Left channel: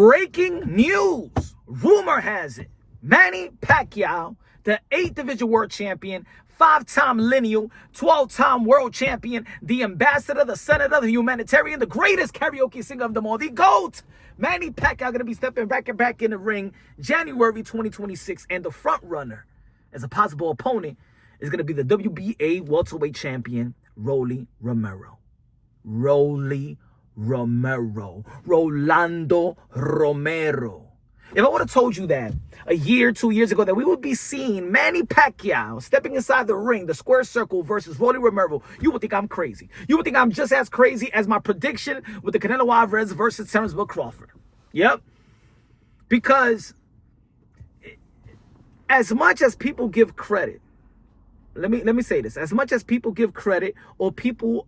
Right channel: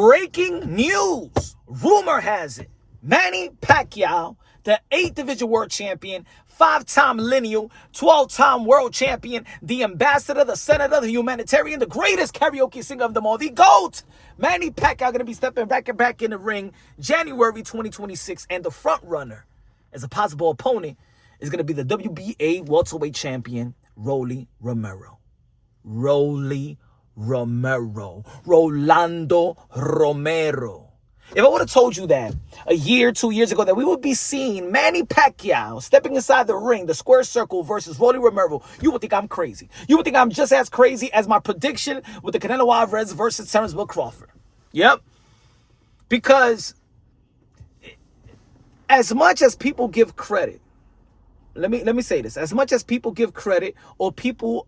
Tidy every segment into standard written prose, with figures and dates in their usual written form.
Breaking news. Rumor has it, Manny Pacquiao, the 8th Division World Champion, 5-time lineal, 12-time world champion, the ambassador, the senator, the humanitarian, the greatest karaoke singer of them all, the GOAT, Manny Pacquiao, going to be stepping back in the ring January 2026, and the front runner as a possible opponent is going to be the WBA welterweight champion, Rolando Romero. Rolando Romero. If I would have told you that a year, 2 years ago, that we would be seeing Manny Pacquiao stepping inside the ring, the square circle versus Rolando Romero, you would think I'm crazy. You would think I'm just as crazy as my prediction with the Canelo Alvarez versus Terrence Will Crawford. Yep. Because as much as people give credit, let me say this, as much as people give credit or people,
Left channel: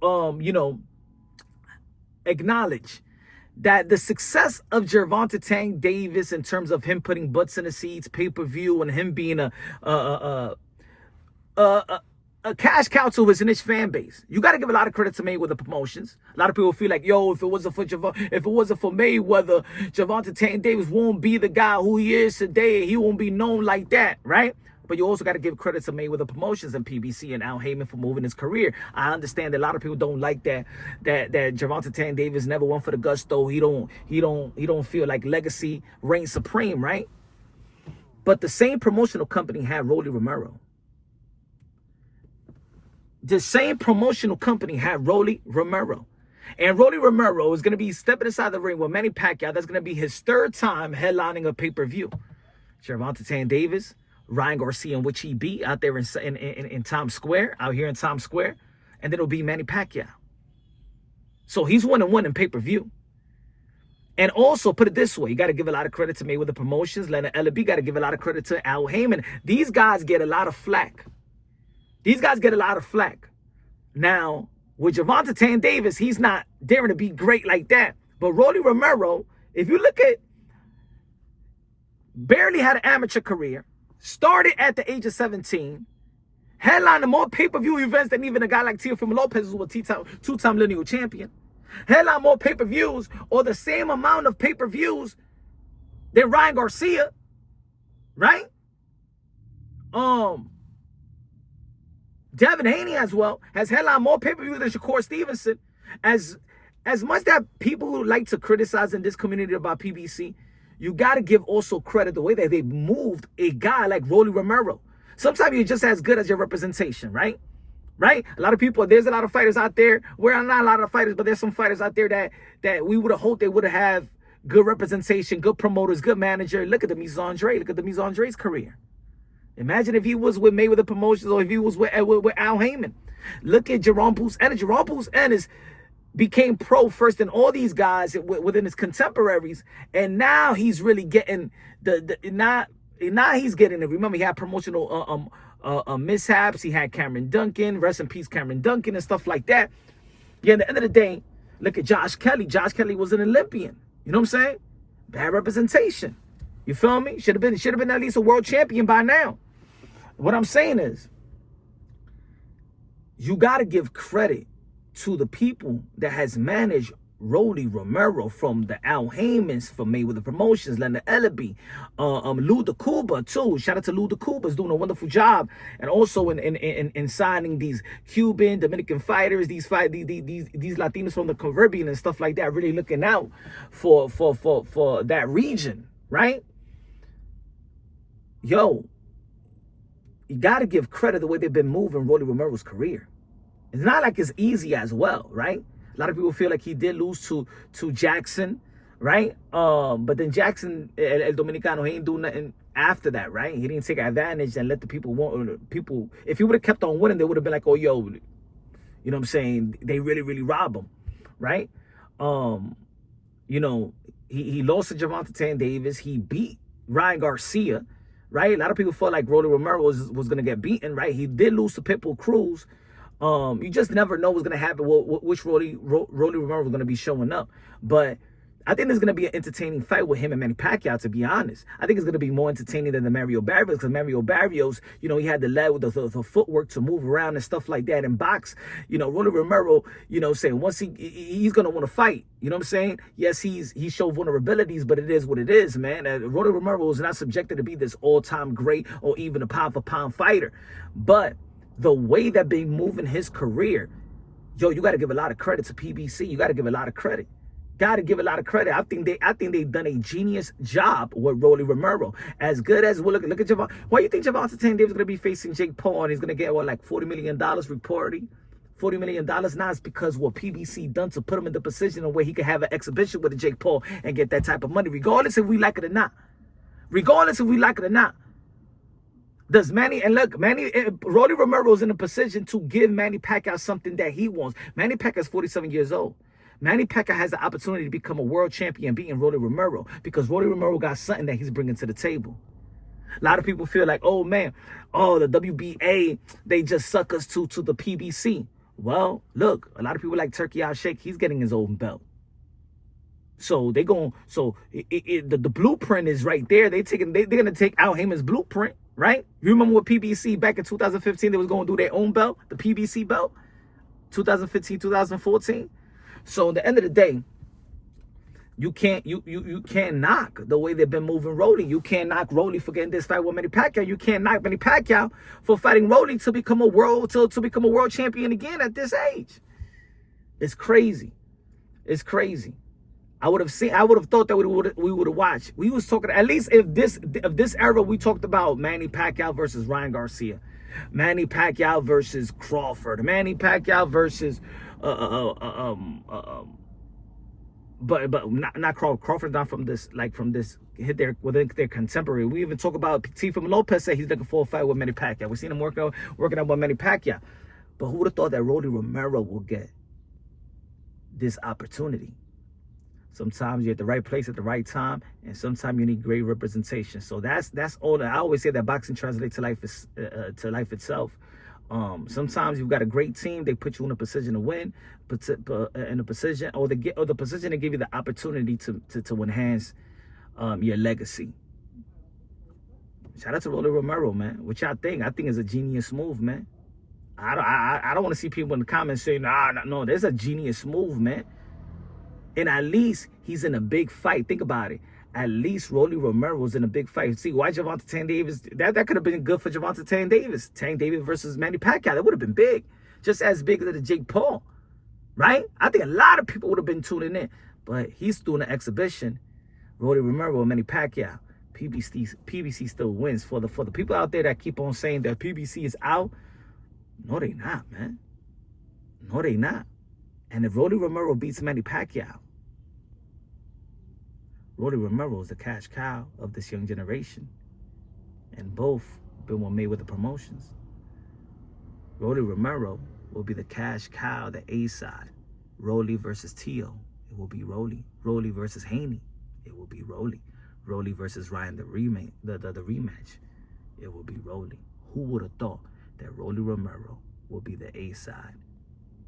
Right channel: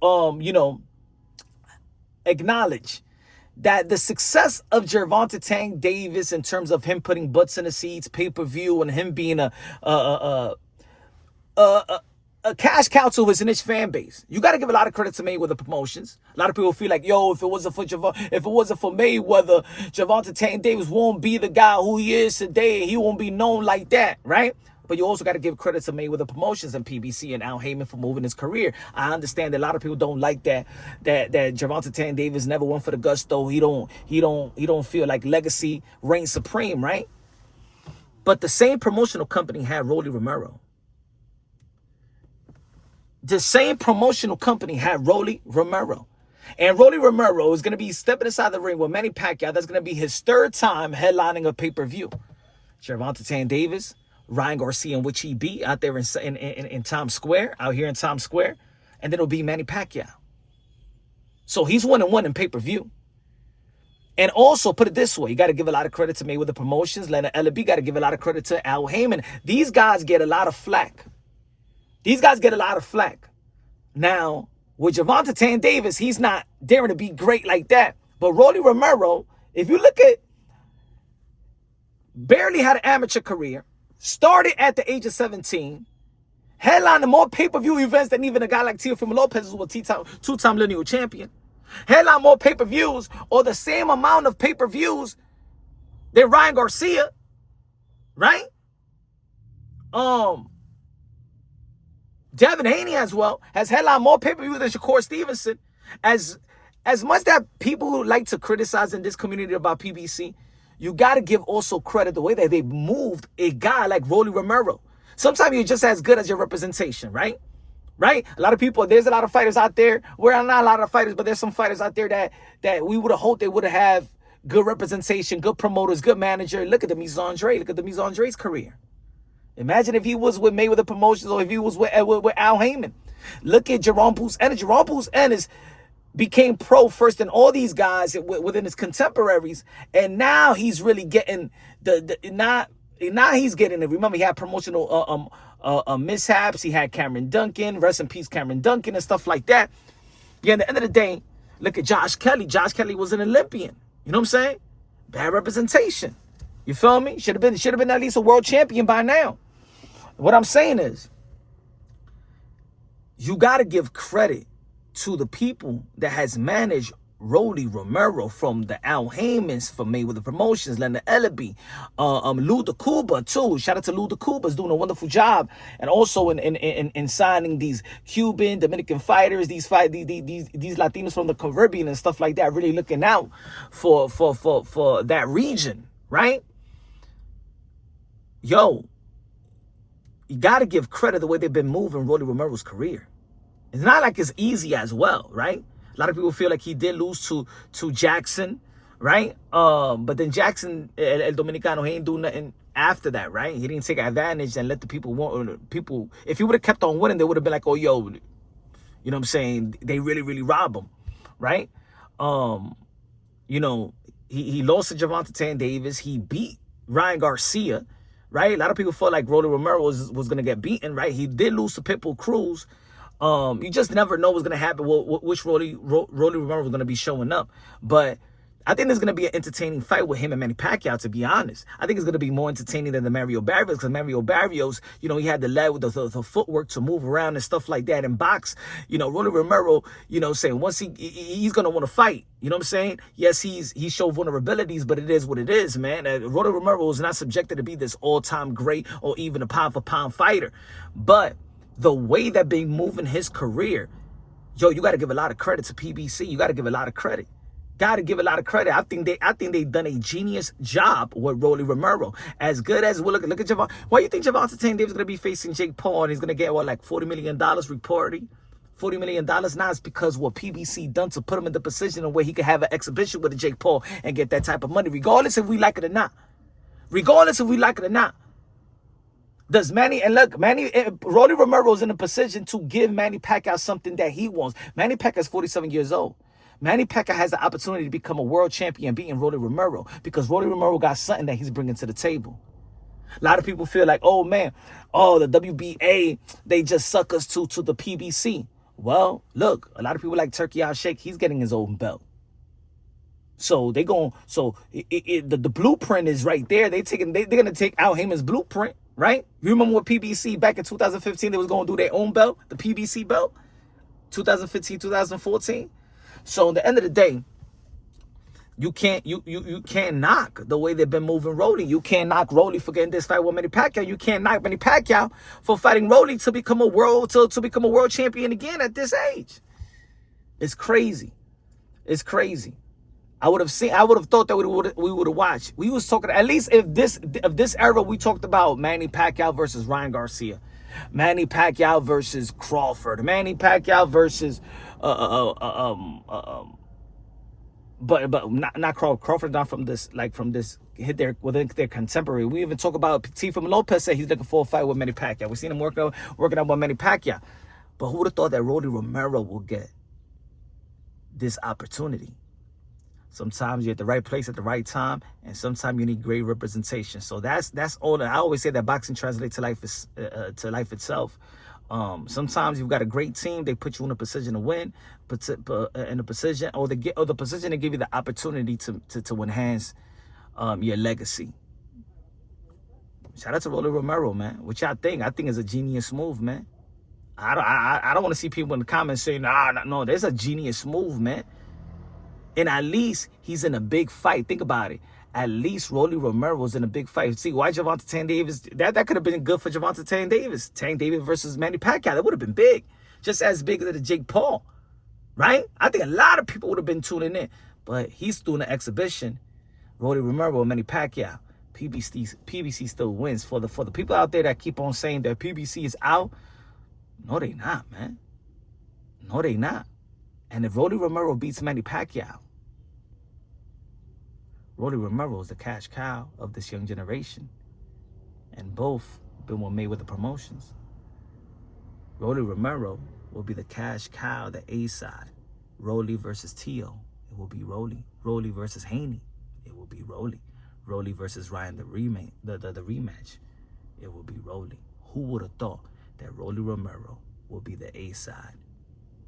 acknowledge that the success of Gervonta Tank Davis in terms of him putting butts in the seats, pay-per-view, and him being a cash cow to his niche fan base, you got to give a lot of credit to Mayweather Promotions. A lot of people feel like, yo, if it wasn't for Mayweather, Gervonta Tank Davis won't be the guy who he is today. He won't be known like that, right? But you also got to give credit to Mayweather Promotions and PBC and Al Heyman for moving his career. I understand that a lot of people don't like that Gervonta Tank Davis never went for the gusto. He don't feel like legacy reigns supreme, right? But the same promotional company had Rolando Romero. The same promotional company had Rolando Romero. And Rolando Romero is going to be stepping inside the ring with Manny Pacquiao. That's going to be his 3rd time headlining a pay-per-view. Gervonta Tank Davis, Ryan Garcia, in which he beat out there in Times Square, out here in Times Square. And then it'll be Manny Pacquiao. So he's 1-1 in pay-per-view. And also, put it this way, you got to give a lot of credit to Mayweather Promotions. Leonard Ellaby, got to give a lot of credit to Al Heyman. These guys get a lot of flack. Now, with Gervonta Tank Davis, he's not daring to be great like that. But Rolando Romero, if you look at, barely had an amateur career, started at the age of 17, headlined more pay-per-view events than even a guy like Teofimo Lopez, who was a 2-time lineal champion. Headlined more pay-per-views or the same amount of pay-per-views than Ryan Garcia, right? Devin Haney as well has headlined more pay-per-views than Shakur Stevenson. As much that people like to criticize in this community about PBC, you got to give also credit the way that they moved a guy like Rolando Romero. Sometimes you're just as good as your representation, right? Right? A lot of people, there's a lot of fighters out there. Well, not a lot of fighters, but there's some fighters out there that we would have hoped they would have good representation, good promoters, good manager. Look at the Mise Andre. Look at the Mise Andre's career. Imagine if he was with Mayweather Promotions or if he was with Al Heyman. Look at Jerome Pousse Ennis. Jerome Pousse Ennis became pro first than all these guys within his contemporaries, and now he's really getting now he's getting it. Remember, he had promotional mishaps. He had Cameron Duncan, rest in peace, Cameron Duncan, and stuff like that. Yeah, at the end of the day, look at Josh Kelly. Josh Kelly was an Olympian. You know what I'm saying? Bad representation. You feel me? Should have been at least a world champion by now. What I'm saying is, you got to give credit to the people that has managed Rolando Romero, from the Al Heymans, from Mayweather Promotions, Leonard Ellaby, Lou DeCuba too. Shout out to Lou DeCuba, is doing a wonderful job, and also in signing these Cuban, Dominican fighters, these Latinos from the Caribbean and stuff like that, really looking out for that region, right? Yo, you got to give credit the way they've been moving Rolando Romero's career. It's not like it's easy as well, right? A lot of people feel like he did lose to Jackson, right? But then Jackson, El Dominicano, he ain't do nothing after that, right? He didn't take advantage and let the people want people. If he would have kept on winning, they would have been like, oh, yo, you know what I'm saying? They really rob him, right? He lost to Gervonta Tank Davis. He beat Ryan Garcia, right? A lot of people felt like Rolando Romero was going to get beaten, right? He did lose to Pitbull Cruz. You just never know what's going to happen, which Rolando Romero was going to be showing up. But I think there's going to be an entertaining fight with him and Manny Pacquiao, to be honest. I think it's going to be more entertaining than the Mario Barrios, because Mario Barrios, you know, he had the leg with the footwork to move around and stuff like that and box. You know, Rolando Romero, you know, saying once he's going to want to fight. You know what I'm saying? Yes, he showed vulnerabilities, but it is what it is, man. Rolando Romero is not subjected to be this all-time great or even a pound-for-pound fighter. But the way that been moving his career, yo, you got to give a lot of credit to PBC. You got to give a lot of credit. Got to give a lot of credit. I think they've done a genius job with Rolly Romero. As good as look at Javon. Why do you think Javante Davis is going to be facing Jake Paul and he's going to get what, like $40 million reporting? $40 million now is because what PBC done to put him in the position where he could have an exhibition with Jake Paul and get that type of money, regardless if we like it or not. Regardless if we like it or not. Does Rolly Romero is in a position to give Manny Pacquiao something that he wants. Manny Pacquiao is 47 years old. Manny Pacquiao has the opportunity to become a world champion beating Rolly Romero because Rolly Romero got something that he's bringing to the table. A lot of people feel like, oh man, the WBA, they just suck us to the PBC. Well, look, a lot of people like Turkey Al Sheikh, he's getting his own belt. So the blueprint is right there. They're gonna take Al Heyman's blueprint, right? You remember what PBC back in 2015 they was gonna do their own belt, the PBC belt, 2015, 2014. So at the end of the day, you can't knock the way they've been moving Rolly. You can't knock Rolly for getting this fight with Manny Pacquiao. You can't knock Manny Pacquiao for fighting Rolly to become a world champion again at this age. It's crazy. It's crazy. I would have thought that we would have watched. We was talking, at least if this era, we talked about Manny Pacquiao versus Ryan Garcia, Manny Pacquiao versus Crawford, Manny Pacquiao versus but not Crawford, not from this hit their within their contemporary. We even talk about Teofimo Lopez said he's looking for a fight with Manny Pacquiao. We seen him working out with Manny Pacquiao. But who would have thought that Rolly Romero will get this opportunity? Sometimes you're at the right place at the right time, and sometimes you need great representation. So that's all that I always say, that boxing translates to life itself. Sometimes you've got a great team, they put you in a position to win, in a position the position to give you the opportunity to enhance your legacy. Shout out to Rolando Romero, man. What y'all think? I think it's a genius move, man. I don't want to see people in the comments saying, no, there's a genius move, man. And at least he's in a big fight. Think about it. At least Rolly Romero's in a big fight. See, why Javante Davis? That could have been good for Javante Davis. Tank Davis versus Manny Pacquiao. That would have been big. Just as big as the Jake Paul. Right? I think a lot of people would have been tuning in. But he's doing an exhibition. Rolly Romero and Manny Pacquiao. PBC still wins. For the people out there that keep on saying that PBC is out, no, they not, man. No, they not. And if Rolly Romero beats Manny Pacquiao, Rolly Romero is the cash cow of this young generation. And both been with Mayweather Promotions. Rolly Romero will be the cash cow, the A side. Rolly versus Tio, it will be Rolly. Rolly versus Haney, it will be Rolly. Rolly versus Ryan, the rematch, it will be Rolly. Who would have thought that Rolly Romero will be the A side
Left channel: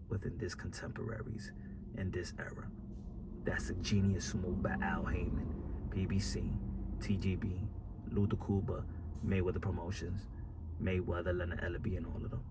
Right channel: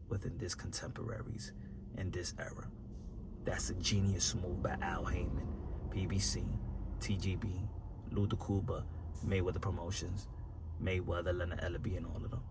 within this contemporaries in this era? That's a genius move by Al Heyman, PBC, TGB, Luther Kuba, Mayweather Promotions, Mayweather, Leonard Ellaby, and all of them.